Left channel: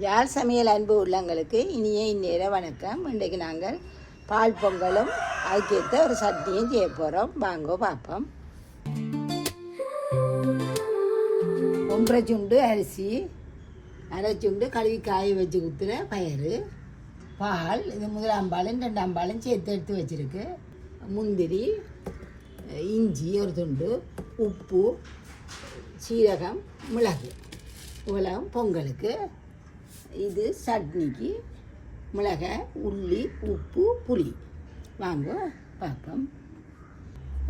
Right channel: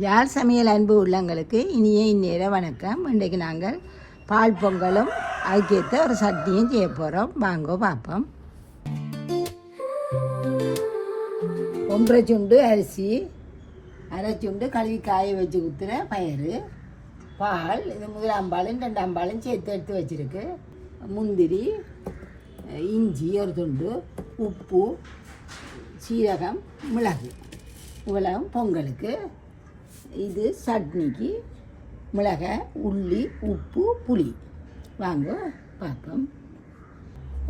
யார் சமையல் அன்பு உள்ளங்களுக்கு இனிய இந்நேர வணக்கம். இன்றைக்கு நாங்கள் பால் பொங்கலும் அதுக்கேற்ற ஒரு சட்னியும் செய்ய போகிறோம். வாங்க பார்ப்போம். 1.5 சுண்டு அரிசி, 1/2 சுண்டு கழுவி காய வச்சு ஊற்றுற பயிறு, பால், இது முதலாம் பாலும் 2ஆம் பாலும் சேர்த்து எடுத்து வச்சுருக்கு, முந்திரி, இஞ்சி ஒரு துண்டு, உப்பு, சீரகம், மிளகு, இவ்வளவு பொங்கலுக்கு. இது சட்னிக்கு மிளகாய், உள்ளி, உப்பு, புளி. வாங்க பார்ப்போம்.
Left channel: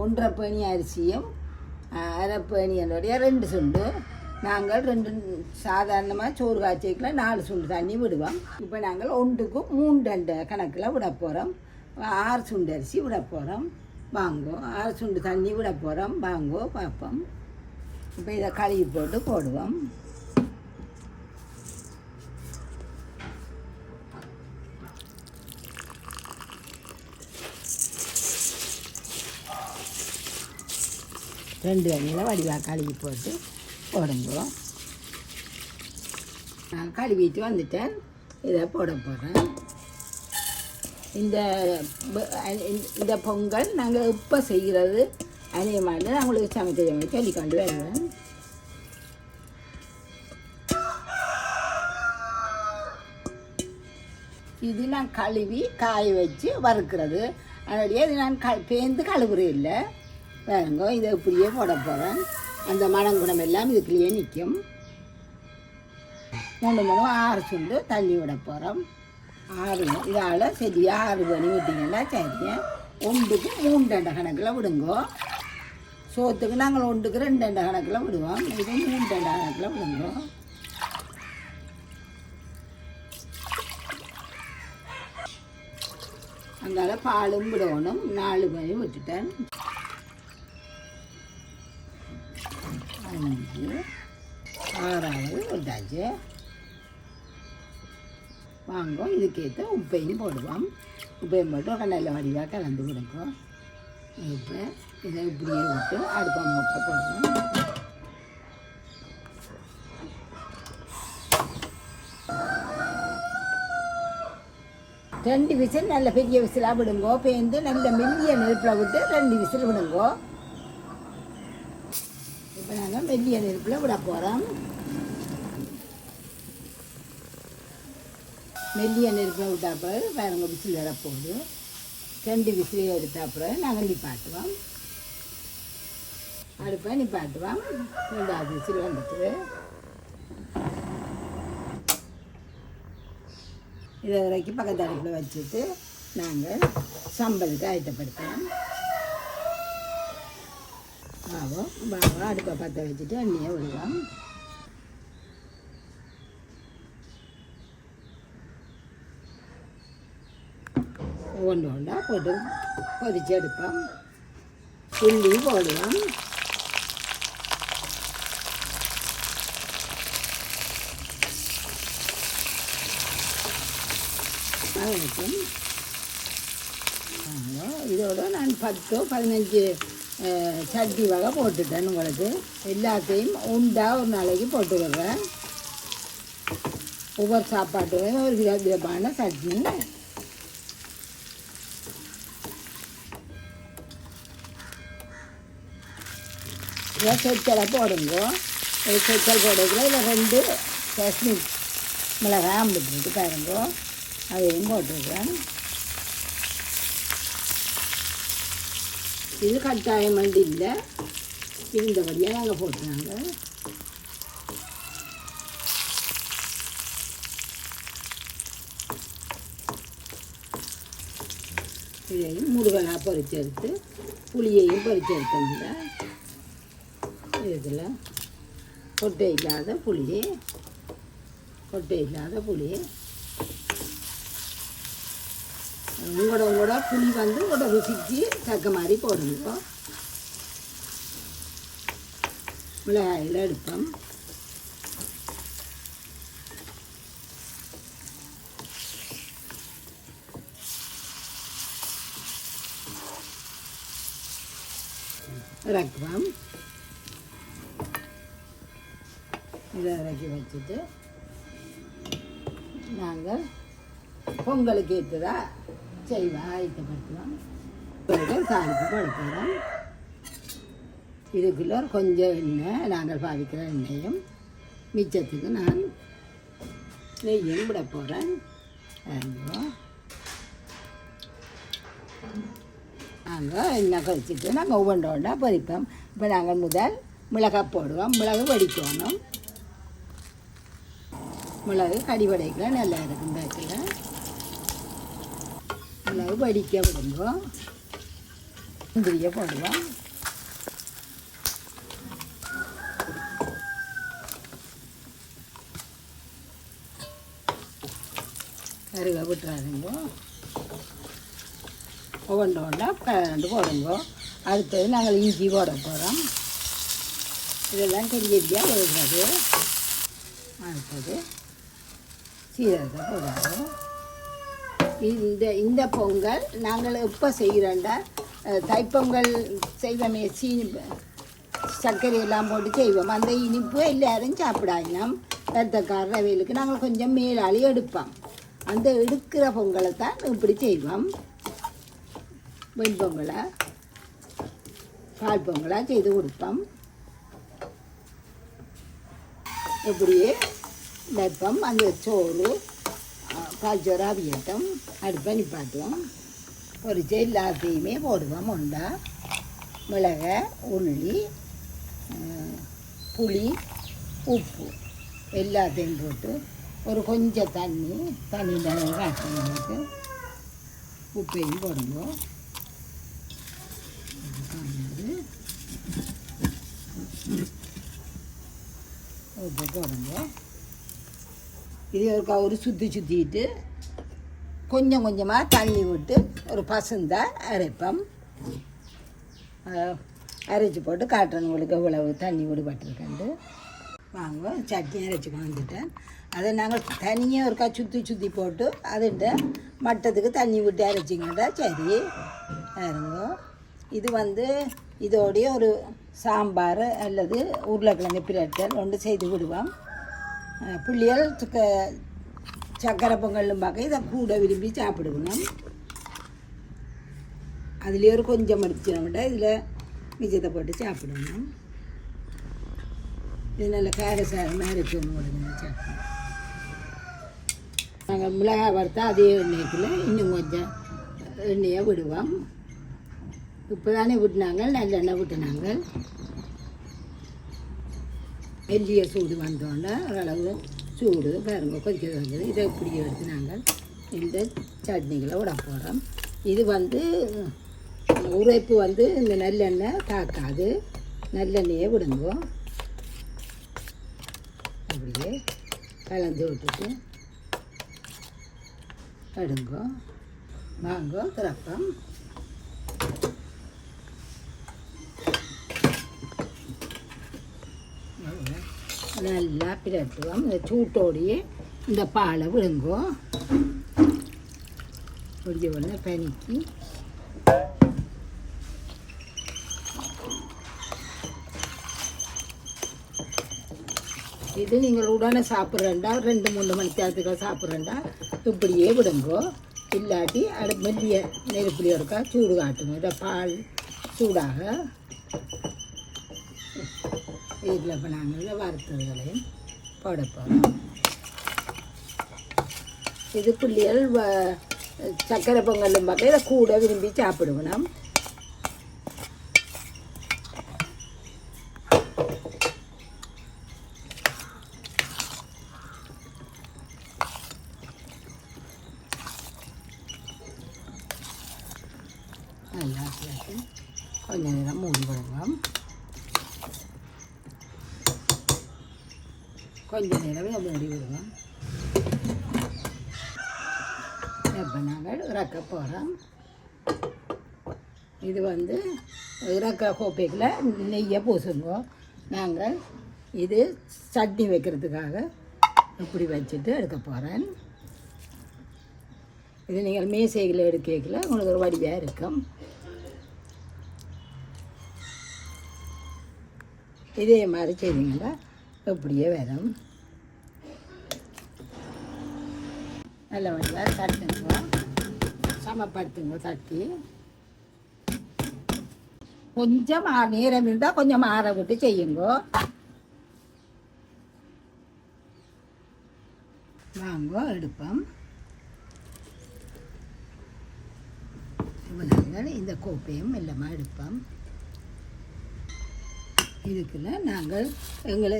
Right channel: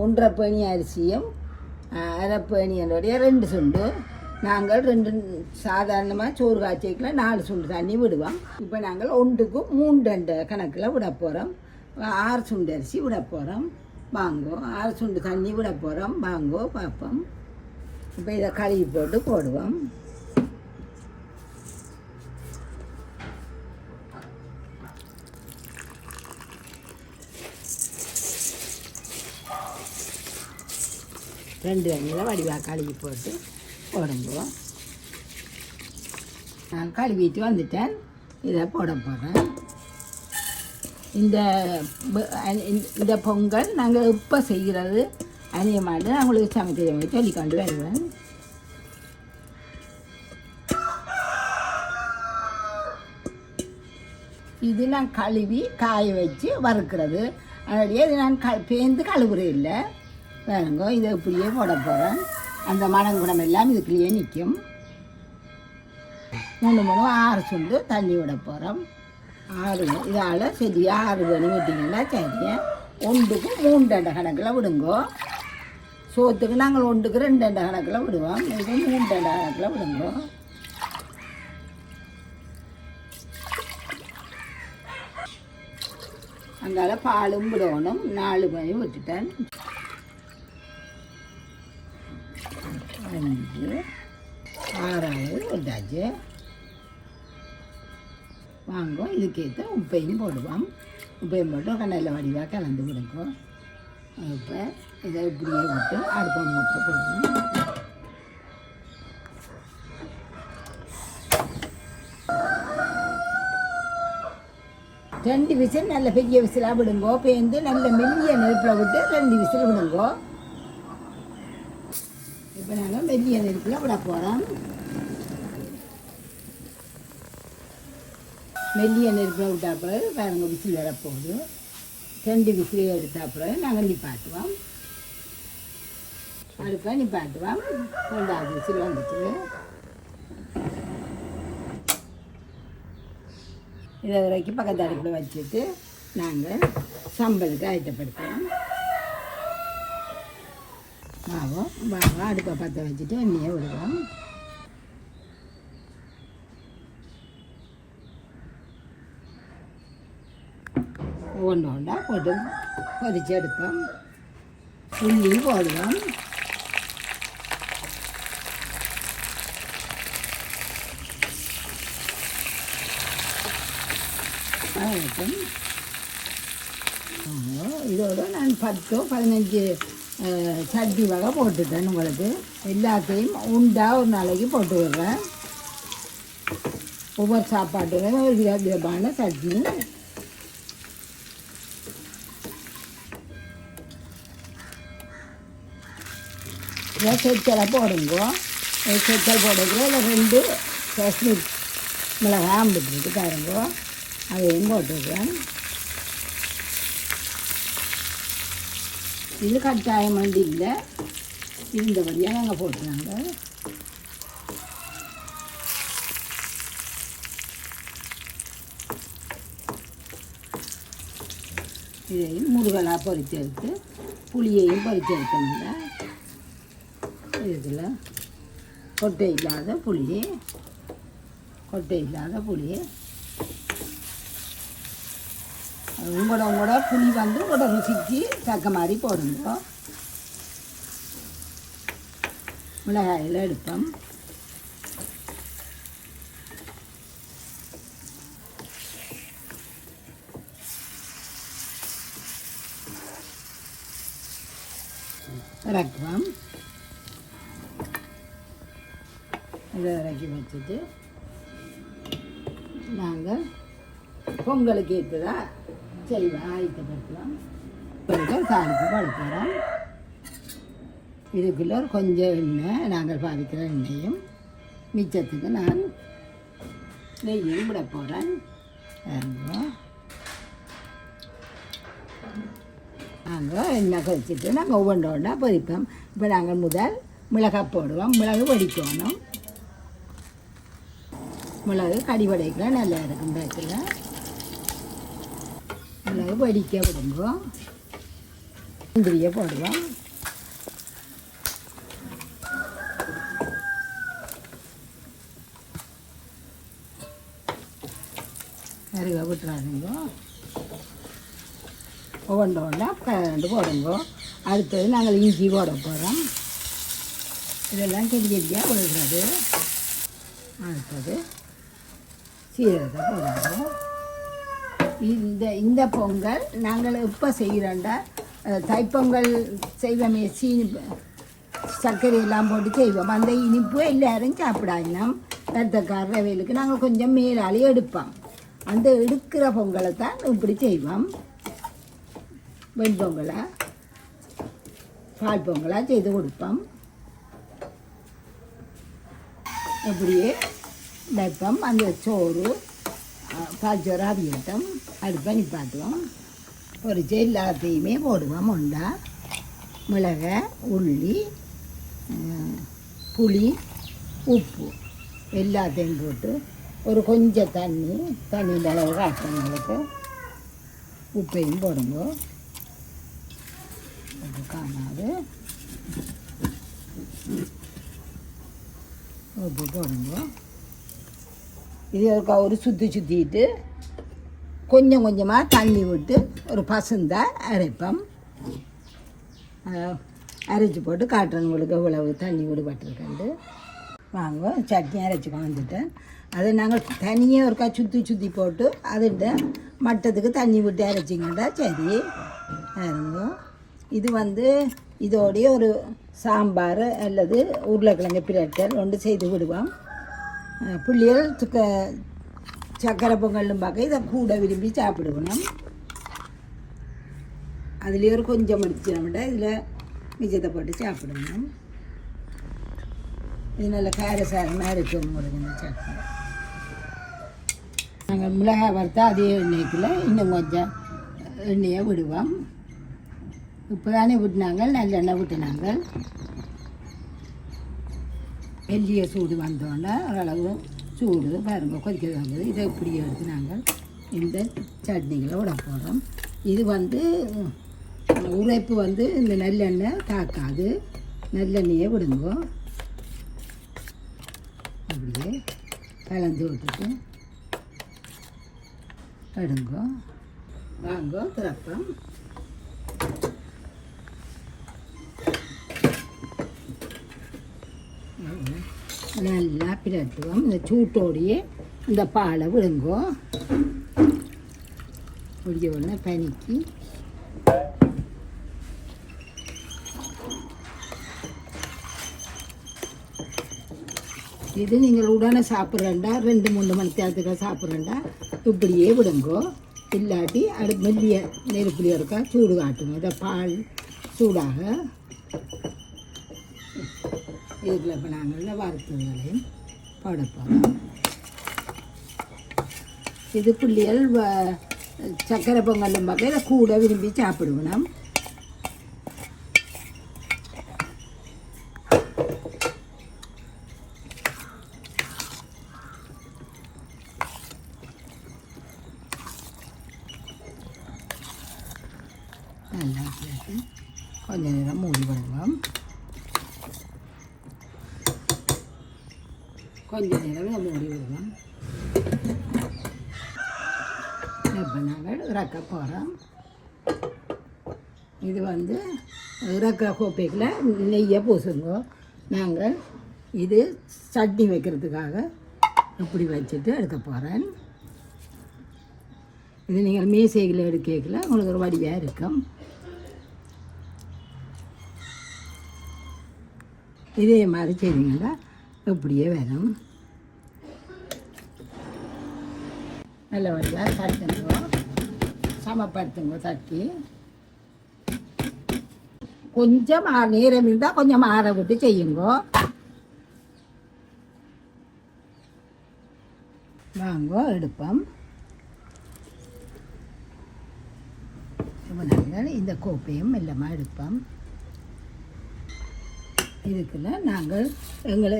1.5 பேணி அரிசியும் 1/2 பேணி என்னுடைய 2 சுண்டு. நாங்கள் 2 சாதாரணமாக சோறு காய்ச்சிக்கல 4 சுண்டு தண்ணி விடுவோம். இப்போ நாங்கள் 1க்கு 3 கணக்கில் விட போகிறோம். 6 சுண்டு அரிசி விட போகிறோம். வாங்கோ 6 சுண்டு தண்ணி விட போகிறோம். வாங்கோ பார்ப்போம். இப்போ இதை கழுவி போட்டு போடுவோம். ரெண்டு எண்ணெயில் வடிவாக கழுவி போட்டு போடுங்க. நான் கழுவிட்டு வந்துட்டேன். இதை போட போகிறேன். இந்த பொங்கல் நாங்கள் இப்போ செய்கிறது அநேகமாக நான் உங்களுக்கு சமைக்கிறவங்க சொல்லிக்கொண்டு வருவேன். இது நான் கழுவி காய வச்சு வறுக்கிறது. அதனாலே இது நான் பேர்ந்து கழுவுறது இல்லை. வேறுங்கோ இதை இப்படியே போட போகிறேன். அந்த மணங்குடம் எல்லாம் இதுக்குள்ளேயே நிற்கும். 6 சுண்டு தண்ணி விட போகிறோம். 6 இதால் சரி 6 பண்ணி விட்டிங்கன்னா சரிங்க. 1க்கு 3 கணக்கில் விடுங்கோ. சோத்துக்கு நாங்கள் 1க்கு 2 கணக்கில் விடுவோம். இது 3 கணக்கில் விடுங்கோ. அங்கால பாலும் விடணும். 4 பண்ணி விட்டுட்டேன். 5 6 விட்டாச்சு. வாங்க இதுக்கேற்ற உப்பையும் போடுவோம். உப்பையும் போட்டு கண்ணில் வடிவாக கலந்து விடுவோம். இப்போ இதை இப்படியே விட்டு அடுப்பை மூட்டை போடுவோம். ரெண்டு விசில் நல்ல பெரிய விசிலாக விடுங்கோ. பேருந்து நல்ல மெல்லிய நெருப்பில் விட்டு 2 விசில் விடுங்கோ. இப்போ நாங்கள் மெல்லிய நெருப்பில் விட போகிறோம். மெல்லிய நெருப்பில் விட்டா பிறகு பாருங்க விசில் வரப்போகுது. 2 விசில் எடுத்த பிறகு நாங்கள் நிப்பாட்டுவோம். அடுப்பை நிப்பாட்டுவோம். 2வது விசில் வந்துட்டு இதை வரைக்கும் பக்கத்து அடுப்பில் வச்சுட்டு நாங்கள் சம்பலுக்கு ஆயத்தப்படுத்துவோம். வாங்க அடுப்பை பற்ற வச்சுட்டு எண்ணெயை விடுவோம். ஒன்றா போட்டு பொரிச்சு எடுப்போம். உள்ளி போடுவோம். இதோட நான் 10-15 சட்னி வகை போட்டுட்டேன். உங்களுக்கு எல்லாத்தையும் உண்டா ஒரு நாளைக்கு போட்டு விடுறேன். ஒவ்வொரு சாப்பாட்டுக்கும் ஒரு விதமான சட்னி. சொச்சலை போடுங்க. சொச்சல் போடுறது 2 காஷ்மீர் மிளகாய் அம்பிட்டு பாருங்க. அதையும் போட்டுருக்கேன். இது கட்டாயம் வந்து இல்லை, இருந்தபடியாக நாங்கள் போட்டுருங்க. இதையும் முருகலாக பொரிச்சு எடுத்து புளியையும் பொரிச்சு எடுத்துங்க. இதில் கொட்டை இல்லாத புளி உங்களோட புளி வந்து உங்களோட ருசிக்கு தக்க மாதிரி போடுங்க. மிளகாயில் எடுப்போம். இறக்குவோம். இதை இறக்கி வச்சுட்டு நாங்கள் பொங்கலுக்கு ஏற்றதா செய்வோம் ஆயத்தப்படுத்தலாம். தாளிப்பு படுத்துகிறோம். இதுக்குள்ள கொஞ்சம் எண்ணெய் நாங்கள் பாவிக்கிற எண்ணெயும் மிச்சத்துக்கு நான் நெய்யும் விட போகிறேன். நாங்கள் எண்ணெய் கழிச்சிட்டு நாங்கள் ஒவ்வொன்றோட பொரிப்போம். இப்போ நாங்கள் முதல் மிளகாய் போடுவோம். மிளகு வடிக்கணும். மிளகு கடி வடைக்க நல்லா இருக்கும். பேசுங்க மிளகு வடிக்க விடுவோம். முந்திரியை போடுவோம். நிறைய விட்டுறாதுங்க. ஒவ்வொன்றோட கலந்து போடுங்க. அடுத்தது நாங்கள் இஞ்சி போட போகிறோம். இதெல்லாம் கிண்டியாக விடுறது. அடுத்தது சீரகத்தை போடுறோம். இந்த பொங்கல் நாங்கள் எப்போ செய்கிறோண்டா தைப்பொங்கல் செய்வோமே, சர்க்கரை எல்லாம் போட்டு செய்வோம். அந்த இனிப்பு எல்லாரும் சாப்பிடாங்கணும். ரத்தக்கார வேலுக்கு நாங்கள் கொஞ்சம் மேலாளி எடுப்போம். அந்த எடுக்கிற பொங்கலை தான் இப்படி செய்வோம். வெண்பொங்கலை பால் பொங்கலாக செய்து கொடுப்போம். இப்படியே வைப்போம். அந்த சோறு பால் சோறு அவியட்டும். அடுப்பை நிப்பாட்டுவோம். பொரிச்ச எல்லாத்தையுமே போடுவோம். உண்டா மிளகை, உள்ளி, புளி, உப்பு எல்லாத்தையும் போட்டு ஒரு கொஞ்சம் தண்ணியின் அளவு காட்டுறவங்களுக்கு உப்பையும் போடுங்க. உப்பு காணாது உப்பு போடுங்க. இது ஒரு சுற்றிட்டு கொஞ்சம் கொஞ்சமாக தண்ணி விட்டு ஒரு பசுந்தை அரைப்போம். அரைச்சி போட்டு காட்டுறவங்களுக்கு எவ்வளவு தண்ணி விடுபட்டுருக்கண்டு. வாங்க சட்னி அரைச்சி வந்துட்டேன். அதை நாங்கள் தனியாக ஒருக்கா சுற்றி போட்டு அதுகிட்ட மட்டத்துக்கு தண்ணி விட்டு அரைச்சிங்கன்னா சரி இருங்க. இது இதோடைய ஒரு சாம்பார் அல்லது உருளைக்கிழங்கு பிரட்டல் ஒன்று செய்து விடுவோம். புள்ளிகள் சக்கரை பொங்கலும் பார்க்க இதை கூட விரும்பி சாப்பிடுவோம். அதுலேயே ஒரு கொஞ்சம் எடுத்துச்சோம்னா இதில் மிச்சத்தை போட்டு சாப்பிடுவோம். இது நல்ல காரசாரமாக இருக்கும். முடிஞ்ச சட்னி நாங்கள் மிளகாய் வறுத்தா அதே எண்ணெய்க்குள்ள இன்னும் கொஞ்சம் எண்ணெயை விடுவோம். இப்போ தானே விட்டுனாங்க, நல்லெண்ணெய் விட்டுனாங்க. வெள்ளிய சூடு வந்தோடனே ஓரளவு சூடு பாருங்க கொதிக்க வந்தது. இதை இப்படி எடுத்து நாங்கள் இந்த சட்னிகளை விட போகிறோம். இது உரைப்பு இந்த நல்லெண்ணெய் தாக்காது. நல்லெண்ணெயை விடுங்க. அப்படியே கலந்து விட்டுட்டு எடுங்க. வாங்க திறப்போம். நல்லா பிரட்டுவோம். இந்த சூட்டோடையே இந்த பாலை விடுங்கோ. பிடிச்ச உடனே பனிக்கு இது நீங்கள் உடனே சாப்பிட்றேன்டா 2-3 மணி நேரத்துக்கு சாப்பிட்றேன்டா இப்படியே விடுங்கோ. இல்லாட்டி மெல்லிய நெருப்புலியாக இருக்கா சூடு காட்டுங்க. இதை பால் சூடாக இதுக்குள்ள இப்போ நாங்கள் வறுத்ததுகளையும் போட போகிறோம். இது பிள்ளைகள் சக்கரை பொங்கலும் பார்க்க இதை கூட விரும்பி சாப்பிடுவோம். நல்லா கொஞ்ச நேரம் மூடி விடுவோம். கொஞ்ச நேரம் மூடி விடுவோம். இப்போ நாங்கள் இறக்க போகிறோம். இது இறக்க கோப்பைக்கில் நெய்யை பூசுங்க. நாங்கள் இது சட்னி வைக்கிறதுக்காக இப்படி வச்சுட்டு எடுக்க போகிறேன். இது நீங்கள் மேசைகளை எடுக்கல உங்களுக்கு ஒரு வடிவாக இருக்கும். இதே மாதிரி செய்வீங்களா இப்படியே வரும். நல்ல வழியாக தட்டுங்க, சமப்படுத்துங்க. தட்டி கொஞ்சம் நேரம் இருந்தால் கொஞ்சம் ஆற விட்டு செய்யுங்க. வாங்க எடுப்போம். இந்த கோப்பையும் மெல்லமாக எடுப்போம். இதுக்குள்ள நாங்கள் எங்களை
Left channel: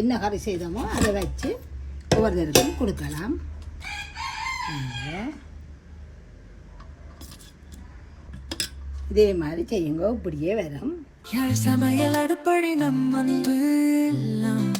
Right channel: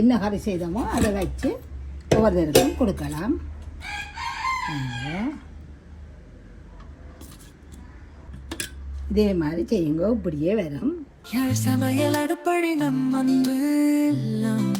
என்ன கறி செய்தோமோ அதை வச்சு ஒவ்வொருத்தருக்கும் கொடுக்கலாம். இதே மாதிரி செய்யுங்க, இப்படியே வரும். யார் சமையல் அடுப்படி நம் அன்பு எல்லாம்